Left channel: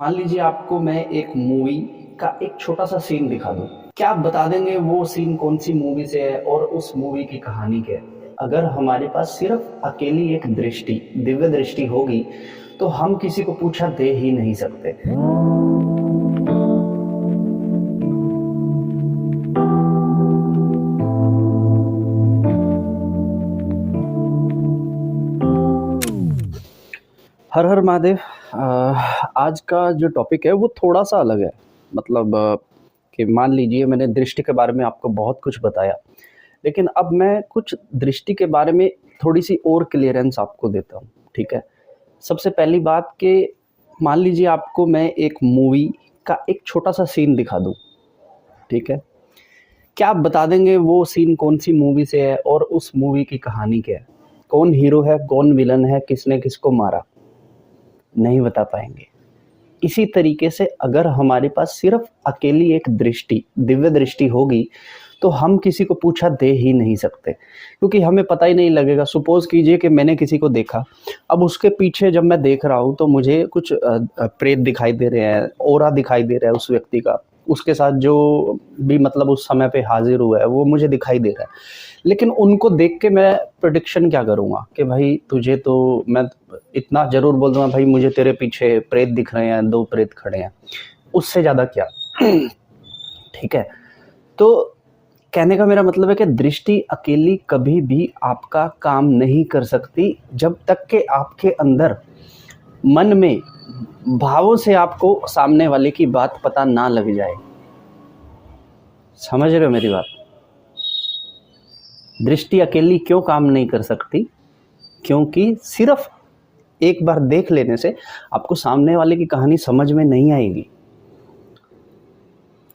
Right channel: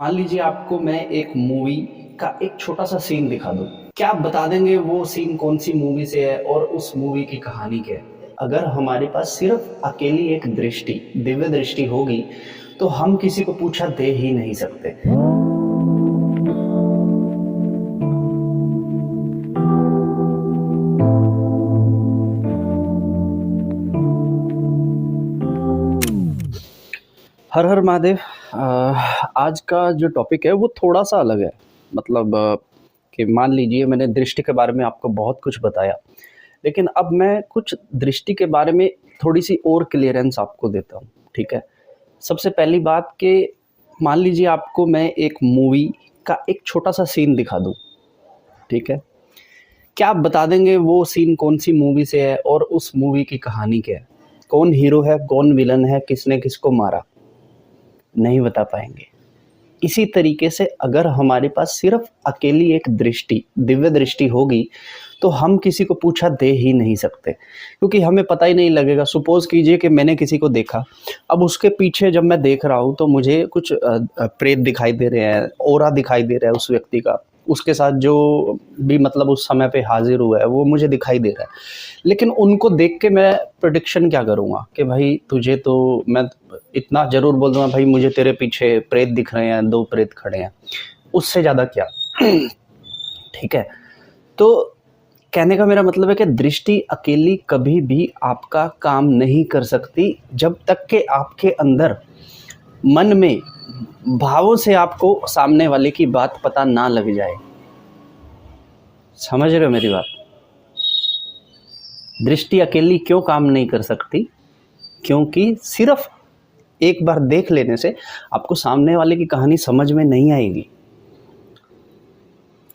मान लीजिए आपको मैं एक मूवी का एक छोटा सा सीन दिखा दूं, क्या आप बता देंगे वो सीन कौन सी मूवी से है और उस मूवी की कहानी क्या है? अगर हमारे पास सिर्फ अकेली एक दृष्टि, दिव्य दृष्टि होगी, तो हम किसी को पूछा दे ही नहीं सकते। हर हर महादेव। आज का जो टॉपिक है वो थोड़ा सा अलग है। मतलब कि मान लीजिए मैंने दृष्टि के बारे में आपको बहुत कुछ बताया, लेकिन अब मैं कुछ दृष्टि के बारे में थोड़ी सी और क्लियरेंस आपको देता हूँ। ठीक है। सबसे पहली बात कि मान लीजिए आपको मैं एक मूवी का एक छोटा सा सीन दिखा दूँ। ठीक है। क्या आप बता देंगे वो सीन कौन सी मूवी से है और उस मूवी की कहानी क्या है? कौन हीरो है, कौन विलन है, किसने किसको मारा? नहीं बता पाएंगे। इसी तरीके से अगर हमारे पास सिर्फ अकेली एक दृष्टि, दिव्य दृष्टि होगी, तो हम किसी को पूछा दे ही नहीं सकते, क्योंकि हमें पता ही नहीं लगेगा। सपोज कीजिए कि मैंने किसी को देखा, अब उसके पीछे जब मैं देख रहा हूँ तो मुझे कुछ प्रेत दिखाई दे रहे हैं, ऑरा दिखाई दे रहा है उस व्यक्ति का, उसके साथ जो भी मतलब उस समय पे हाजिर हुआ है वो मुझे दिखाई दे रहा है। लेकिन उनको देख के मैं प्रिडिक्शन क्या करूँगा कि भाई तुझे तो मैं इतना ज़रूर बोल दूँगा, भाई मुझे तेरे पीछे प्रेत दिख रहे हैं, 2 प्रेत खड़े हैं, उससे ज़्यादा क्या? ठीक है? तो कहने का मेरा मतलब है कि दृष्टि अकेली कभी भी आपका काम नहीं कर सकती, जब तक कि आपके अंदर मन में भावों से आपको सामने वाले की बात पता ना लग जाए। समझ रहे हो मेरी बात? दृष्टि अकेली क्यों काम नहीं कर सकती? क्योंकि सिर्फ एक बार देख लेने से आपको सामने वाले की कहानी समझ में नहीं आएगी।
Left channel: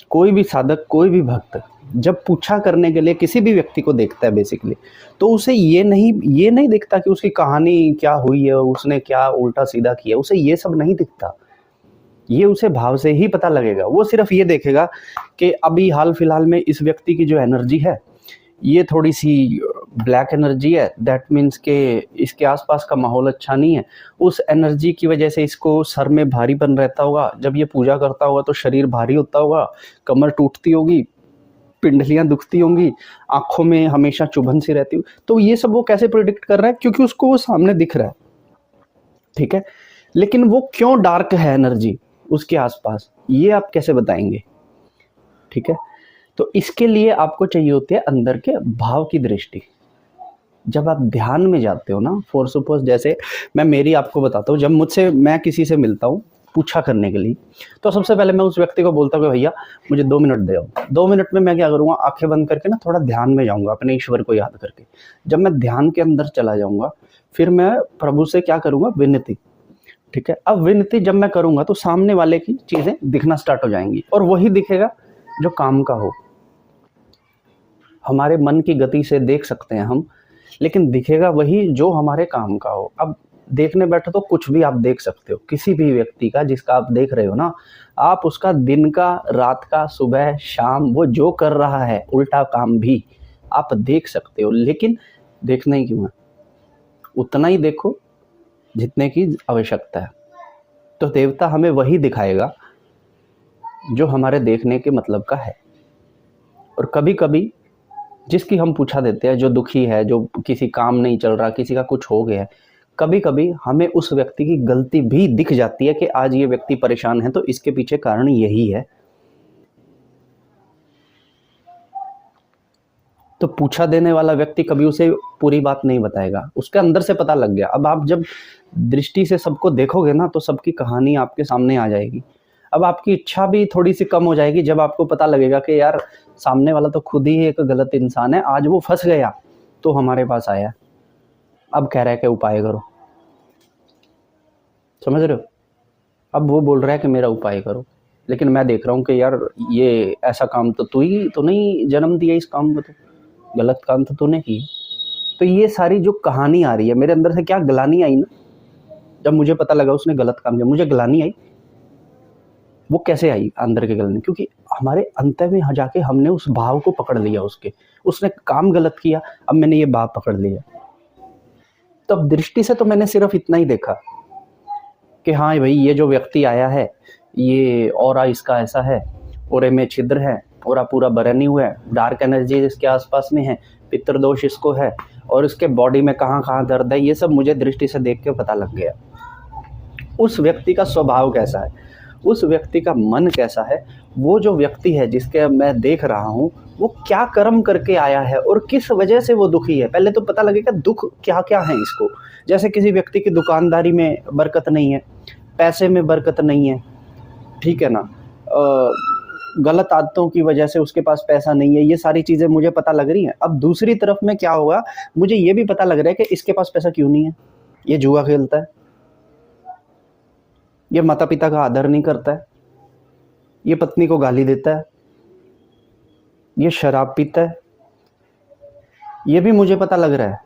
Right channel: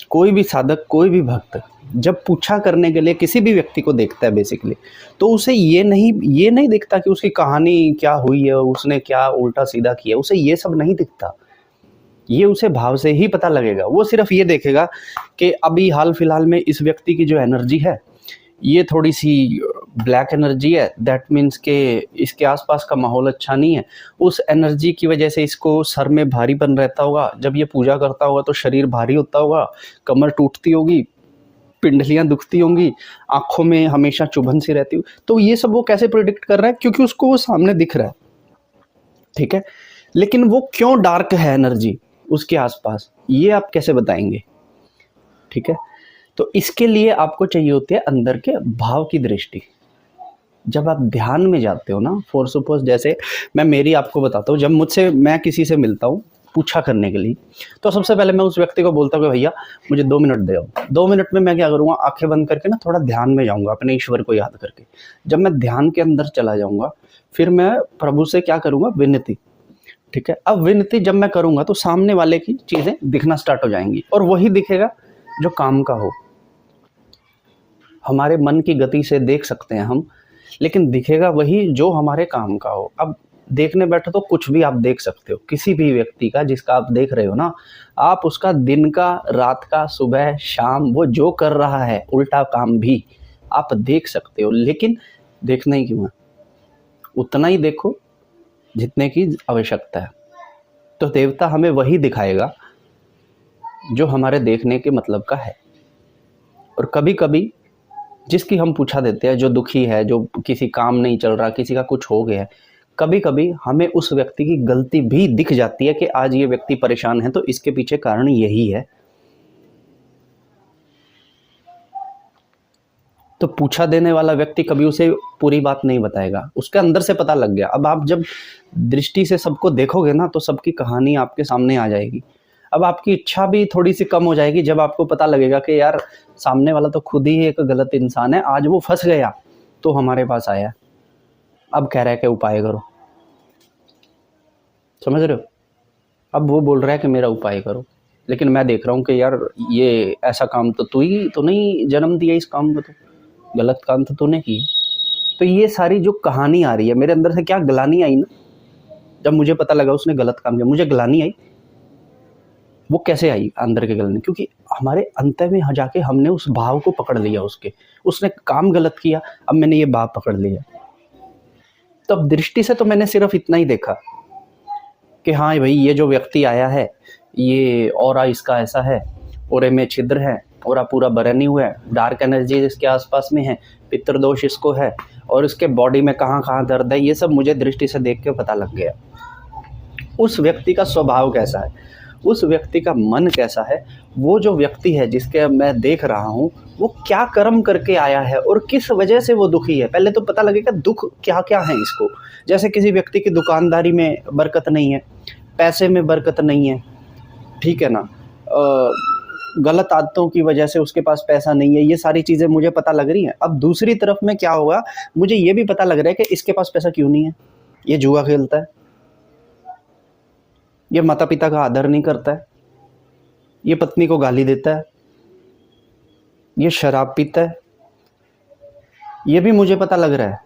कोई भी साधक, कोई भी भक्त जब पूछा करने के लिए किसी भी व्यक्ति को देखता है बेसिकली, तो उसे ये नहीं दिखता कि उसकी कहानी क्या हुई है, उसने क्या उल्टा सीधा किया, उसे ये सब नहीं दिखता। ये उसे भाव से ही पता लगेगा। वो सिर्फ ये देखेगा कि अभी हाल फिलहाल में इस व्यक्ति की जो एनर्जी है, ये थोड़ी सी ब्लैक एनर्जी है। दैट मीन्स के इसके आसपास का माहौल अच्छा नहीं है। उस एनर्जी की वजह से इसको सर में भारीपन रहता होगा, जब ये पूजा करता होगा तो शरीर भारी होता होगा, कमर टूटती होगी, पिंडलियां दुखती होंगी, आंखों में हमेशा चुभन सी रहती हो। तो ये सब वो कैसे प्रिडिक्ट कर रहा है? क्योंकि उसको वो सामने दिख रहा है। ठीक है। लेकिन वो क्यों डार्क है एनर्जी उसके आसपास, ये आप कैसे बताएंगे? ठीक है। तो इसके लिए आपको चाहिए होती है अंदर के भाव की दृष्टि। जब आप ध्यान में जाते हो ना, फॉर सपोज जैसे मैं मेरी आपको बताता हूँ, जब मैं किसी से मिलता हूँ पूछा करने के लिए, तो सबसे पहले मैं उस व्यक्ति को बोलता हूँ कि भैया मुझे 2 मिनट दे। 2 मिनट में मैं क्या करूँगा, आंखें बंद करके ना थोड़ा ध्यान में जाऊँगा, अपने ईश्वर को याद करके। जब मैं ध्यान के अंदर चला जाऊँगा, फिर मैं प्रभु से क्या करूँगा, विनती। ठीक है। अब विनती जब मैं करूँगा तो सामने वाले की चीज़ें दिखना स्टार्ट हो जाएंगी, और वही दिखेगा जो काम का हो। हमारे मन की गति से देख सकते हैं हम, लेकिन दिखेगा वही जो हमारे काम का हो। अब देखने बैठो तो कुछ भी आप देख सकते हो, किसी भी व्यक्ति का जिसका आप देख रहे हो ना, आप उसका दिन का, रात का, सुबह शाम, वो जो कर रहा है उल्टा काम भी आप देख सकते हो। लेकिन देखना ही क्यों है? उतना ही देखो जितने की आवश्यकता है। तो देवता हमें वही दिखाएगा जो हमारे देखने के मतलब का है। और कभी कभी जिसकी हम पूछा देते हैं, जो दुखी है, जो किसी काम नहीं चल रहा, किसी का कुछ हो गया है, कभी कभी हमें उस व्यक्ति की गलती भी दिख जाती है कि आज ये व्यक्ति परेशान है तो इसके पीछे कारण यही है। तो पूछा देने वाला व्यक्ति कभी उसे पूरी बात नहीं बताएगा, उसके अंदर से पता लग गया। अब आप जब दृष्टि से सबको देखोगे ना, तो सबकी कहानी आपके सामने आ जाएगी। अब आपकी इच्छा भी थोड़ी सी कम हो जाएगी जब आपको पता लगेगा कि यार सामने वाला तो खुद ही एक गलत इंसान है, आज वो फंस गया तो हमारे पास आया, अब कह रहा है कि उपाय करो। समझ रहे हो? अब वो बोल रहा है कि मेरा उपाय करो, लेकिन मैं देख रहा हूँ कि यार ये ऐसा काम तो तू ही तो नहीं जन्म दिया, इस काम को तो गलत काम तो तूने किया। तो ये सारी जो कहानी आ रही है मेरे अंदर से, क्या ग्लानी आई ना, जब मुझे पता लगा उसने गलत काम किया, मुझे ग्लानी आई। वो कैसे आई अंदर के गलने? क्योंकि हमारे अंत में जाके हमने उस भाव को पकड़ लिया, उसने काम गलत किया, अब मैंने ये भाव पकड़ लिया। तो अब दृष्टि से तो मैंने सिर्फ इतना ही देखा, कि हाँ भाई ये जो व्यक्ति आया है, ये ऑरा इसका ऐसा है, ऑरे में छिद्र है, ऑरा पूरा बरनी हुआ है, डार्क एनर्जी इसके आसपास में है, पितृदोष इसको है, और इसके बॉडी में कहाँ कहाँ दर्द है, ये सब मुझे दृष्टि से देख के पता लग गया। उस व्यक्ति का स्वभाव कैसा है, उस व्यक्ति का मन कैसा है, वो जो व्यक्ति है जिसके मैं देख रहा हूँ वो क्या कर्म करके आया है और किस वजह से वो दुखी है। पहले तो पता लगेगा दुख क्या क्या है इसको। जैसे किसी व्यक्ति की दुकानदारी में बरकत नहीं है, पैसे में बरकत नहीं है, ठीक है ना, गलत आदतों की वजह से उसके पास पैसा नहीं है, ये सारी चीज़ें मुझे पता लग रही हैं। अब दूसरी तरफ में क्या होगा, मुझे ये भी पता लग रहा है कि इसके पास पैसा क्यों नहीं है, ये जुआ खेलता है, ये माता पिता का आदर नहीं करता है, ये पत्नी को गाली देता है, ये शराब पीता है, ये भी मुझे पता लग रहा है।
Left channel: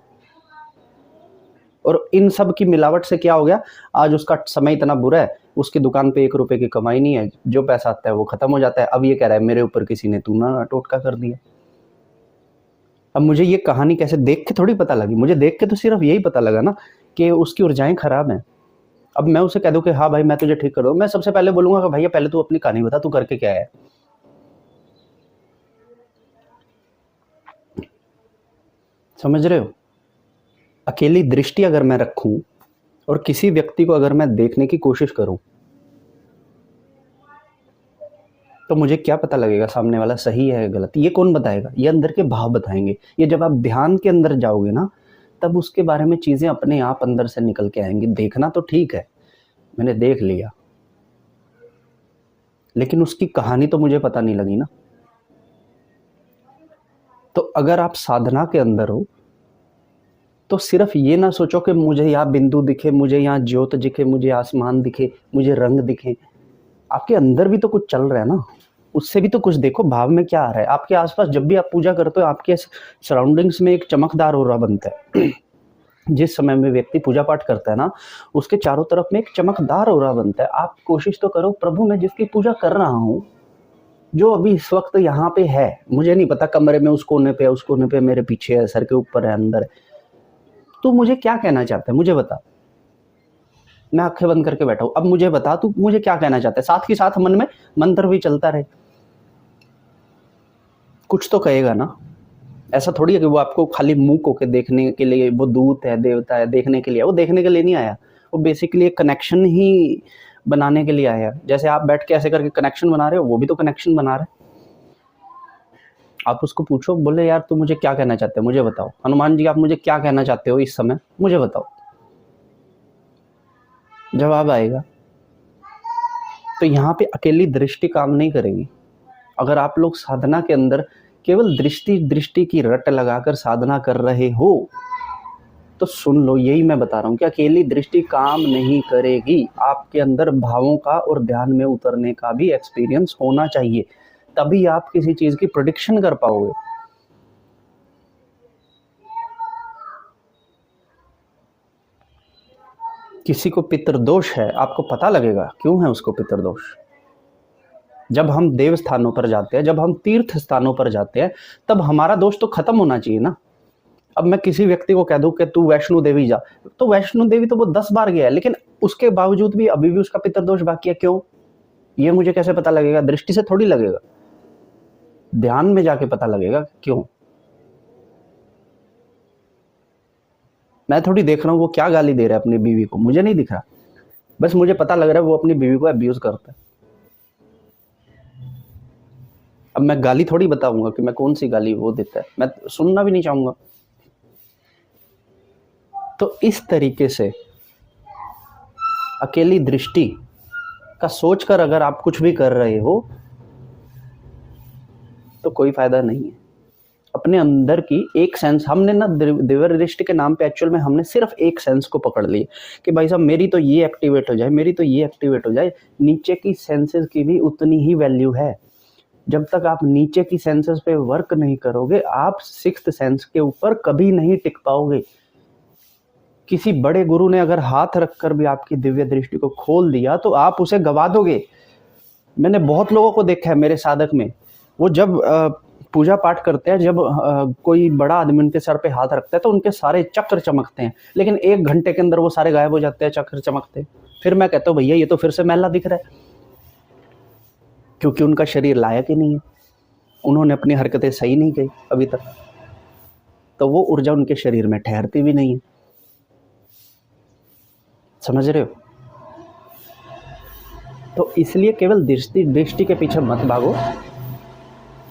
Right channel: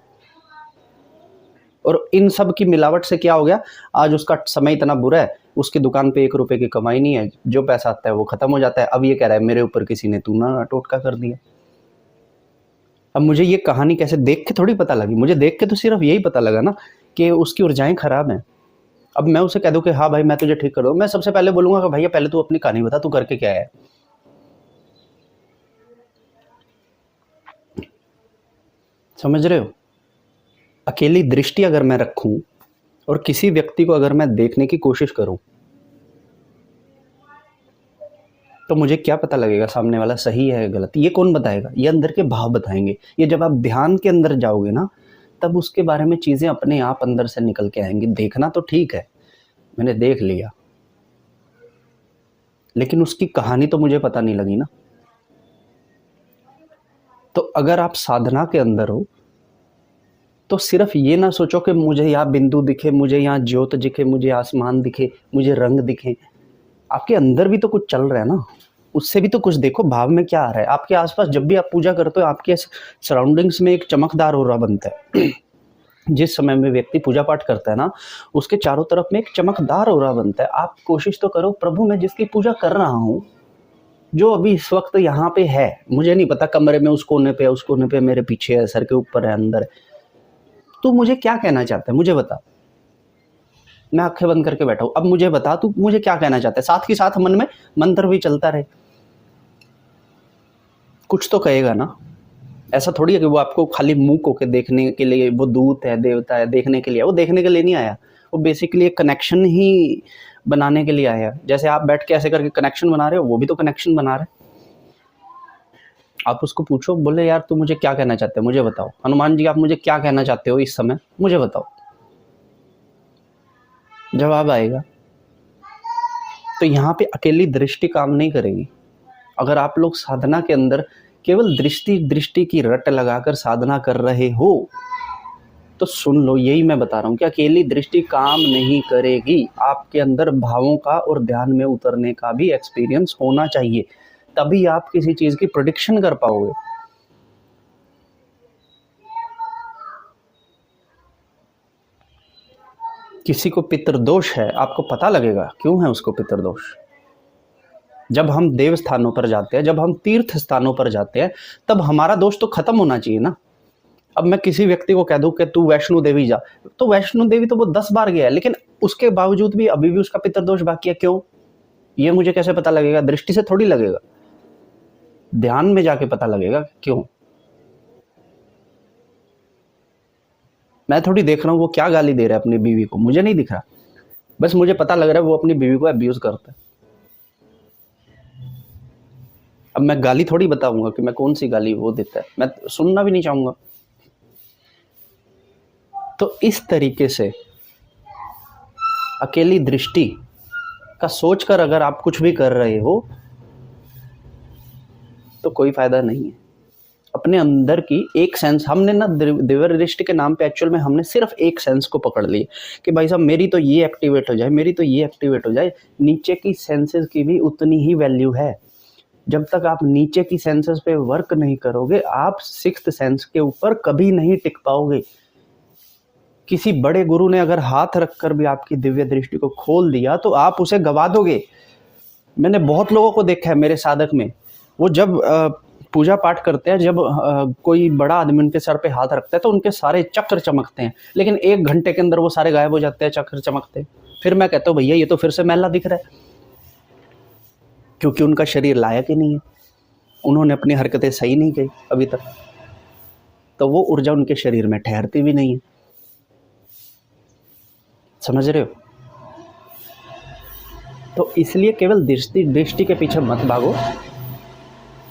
और इन सब की मिलावट से क्या हो गया, आज उसका समय इतना बुरा है, उसकी दुकान पे 1 रुपए की कमाई नहीं है, जो पैसा आता है वो खत्म हो जाता है। अब ये कह रहा है मेरे ऊपर किसी ने टूना टोटका कर दिया। अब मुझे ये कहानी कैसे देख के थोड़ी पता लगी, मुझे देख के तो सिर्फ यही पता लगा ना कि उसकी ऊर्जाएं खराब हैं। अब मैं उसे कह दूं कि हाँ भाई मैं तुझे ठीक कर दूँ, मैं सबसे पहले बोलूंगा कि भैया पहले तू अपनी कहानी बता, तू करके क्या है। समझ रहे हो, अकेली दृष्टि अगर मैं रखूं और किसी व्यक्ति को अगर मैं देखने की कोशिश करूं तो मुझे क्या पता लगेगा सामने वाला सही है गलत, ये कौन बताएगा, ये अंदर के भाव बताएंगे। ये जब आप ध्यान के अंदर जाओगे ना तब उसके बारे में चीजें अपने आप अंदर से निकल के आएंगी। देखना तो ठीक है, मैंने देख लिया, लेकिन उसकी कहानी तो मुझे पता नहीं लगी ना। तो अगर आप साधना के अंदर हो तो सिर्फ ये ना सोचो कि मुझे यहाँ बिंदु दिखे, मुझे यहाँ ज्योत दिखे, मुझे आसमान दिखे, मुझे रंग दिखे। आपके अंदर भी तो कुछ चल रहा है ना, उससे भी तो कुछ देखो, भाव में क्या आ रहा है। आपके आसपास जब भी आप पूजा करते हो आपके सराउंडिंग्स में एक चमकदार ऑरा बनता है। जिस समय में व्यक्ति पूजा पाठ करता है ना उसके चारों तरफ में एक चमकदार ऑरा बनता है। आप कोशिश तो करो, प्रभु मैं जिसकी पूजा कर रहा हूँ, जो अभी इस वक्त यहाँ पे है, मुझे नहीं पता कमरे में उस कोने पे, उस कोने पे, मेरे पीछे है, सर के ऊपर है, अंदर है, तू मुझे क्या कहना चाहता है मुझे बता। मैं आंखें बंद करके बैठा हूं, अब मुझे बता तू मुझे क्या कहना चाहता है। साथ ही साथ मन में मंत्र भी चलता रहे, कुछ तो कहेगा ना। ऐसा थोड़ी है कि वो आपको खाली मुंह को के देखने के लिए, वो दूत है देवता है देखने के लिए, वो देखने के लिए नहीं आया, वो बेसिकली एक कनेक्शन ही बनाने के लिए आया। जैसे आप बैठ के ऐसे करके कनेक्शन बना रहे हो, वो भी तो कनेक्शन बना रहे। आप उसको पूछो, बोले यार तू मुझे क्या कहना चाहते हो मुझे बताओ, हनुमान जी आप मुझे क्या कहना चाहते हो इस समय मुझे बताओ, जवाब आएगा। तो यहाँ पे अकेली दृष्टि काम नहीं करेगी। अगर आप लोग साधना के अंदर केवल दृष्टि की रट लगाकर साधना कर रहे हो तो सुन लो, यही मैं बता रहा हूँ कि अकेली दृष्टि काम नहीं करेगी। आपके अंदर भावों का और ध्यान में उतरने का भी एक्सपीरियंस होना चाहिए, तभी आप किसी चीज की प्रेडिक्शन कर पाओगे। किसी को पितृदोष है, आपको पता लगेगा क्यों है उसको पितृदोष। जब हम देव स्थानों पर जाते हैं, जब हम तीर्थ स्थानों पर जाते हैं, तब हमारा दोष तो खत्म होना चाहिए ना। अब मैं किसी व्यक्ति को कह दूं कि तू वैष्णो देवी जा, तो वैष्णो देवी तो वो 10 बार गया है, लेकिन उसके बावजूद भी अभी भी उसका पितृदोष बाकी है। क्यों, ये मुझे कैसे पता लगेगा, दृष्टि से थोड़ी लगेगा, ध्यान में जाके पता लगेगा क्यों। मैं थोड़ी देख रहा हूँ वो क्या गाली दे रहा है अपनी बीवी को, मुझे नहीं दिख रहा, बस मुझे पता लग रहा है वो अपनी बीवी को अब्यूज करता है। अब मैं गाली थोड़ी बताऊंगा कि मैं कौन सी गाली वो देता है, मैं सुनना भी नहीं चाहूंगा। तो इस तरीके से अकेली दृष्टि का सोचकर अगर आप कुछ भी कर रहे हो तो कोई फायदा नहीं है। अपने अंदर की एक सेंस, हमने ना दिव्य दृष्टि के नाम पे एक्चुअल में हमने सिर्फ एक सेंस को पकड़ ली कि भाई साहब मेरी तो ये एक्टिवेट हो जाए, मेरी तो ये एक्टिवेट हो जाए। नीचे की सेंसेस की भी उतनी ही वैल्यू है। जब तक आप नीचे की सेंसेस पे वर्क नहीं करोगे, आप सिक्स्थ सेंस के ऊपर कभी नहीं टिक पाओगे। किसी बड़े गुरु ने अगर हाथ रखकर भी आपकी दिव्य दृष्टि को खोल दिया तो आप उसे गवा दोगे। मैंने बहुत लोगों को देखा है मेरे साधक में, वो जब पूजा पाठ करते हैं, जब कोई बड़ा आदमी उनके सर पे हाथ रखता है तो उनके सारे चक्र चमकते हैं, लेकिन 1 घंटे के अंदर वो सारे गायब हो जाते हैं चक्र चमकते। फिर मैं कहता हूँ भैया ये तो फिर से मैला दिख रहा है, क्योंकि उनका शरीर लायक ही नहीं है, उन्होंने अपनी हरकतें सही नहीं की अभी तक, तो वो ऊर्जा उनके शरीर में ठहरती भी नहीं है। समझ रहे हो? तो इसलिए केवल दृष्टि दृष्टि के पीछे मत भागो।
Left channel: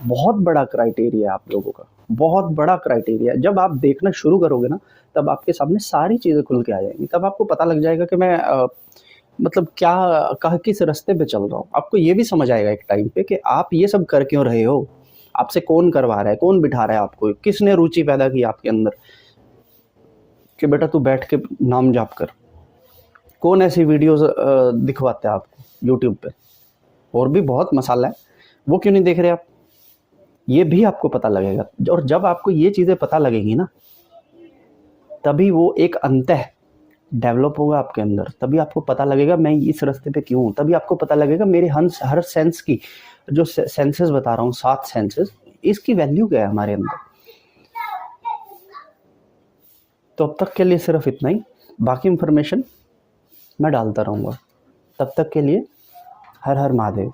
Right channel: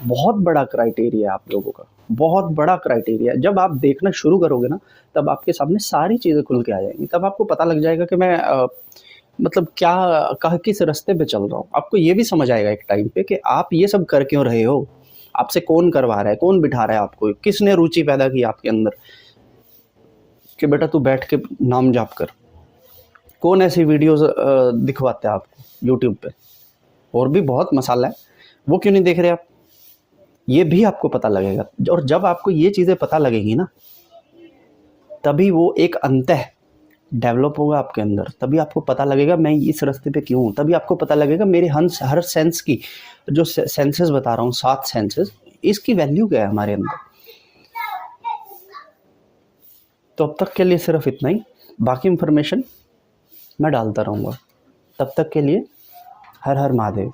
बहुत बड़ा क्राइटेरिया है आप लोगों का, बहुत बड़ा क्राइटेरिया है। जब आप देखना शुरू करोगे ना, तब आपके सामने सारी चीज़ें खुल के आ जाएंगी। तब आपको पता लग जाएगा कि मैं मतलब क्या किस रास्ते पे चल रहा हूँ। आपको ये भी समझ आएगा एक टाइम पे कि आप ये सब कर क्यों रहे हो, आपसे कौन करवा रहा है, कौन बिठा रहा है आपको, किसने रुचि पैदा की आपके अंदर कि बेटा तू बैठ के नाम जाप कर, कौन ऐसी वीडियोस दिखवाते हैं आपको यूट्यूब पे। और भी बहुत मसाला है, वो क्यों नहीं देख रहे आप, ये भी आपको पता लगेगा। और जब आपको ये चीज़ें पता लगेंगी ना, तभी वो एक अंतः डेवलप होगा आपके अंदर, तभी आपको पता लगेगा मैं इस रास्ते पे क्यों हूँ, तभी आपको पता लगेगा मेरी हर सेंस की, जो सेंसेस बता रहा हूँ, 7 सेंसेस, इसकी वैल्यू क्या है हमारे अंदर। तो अब तक के लिए सिर्फ इतना ही, बाकी इंफॉर्मेशन मैं डालता रहूँगा। तब तक के लिए हर हर महादेव।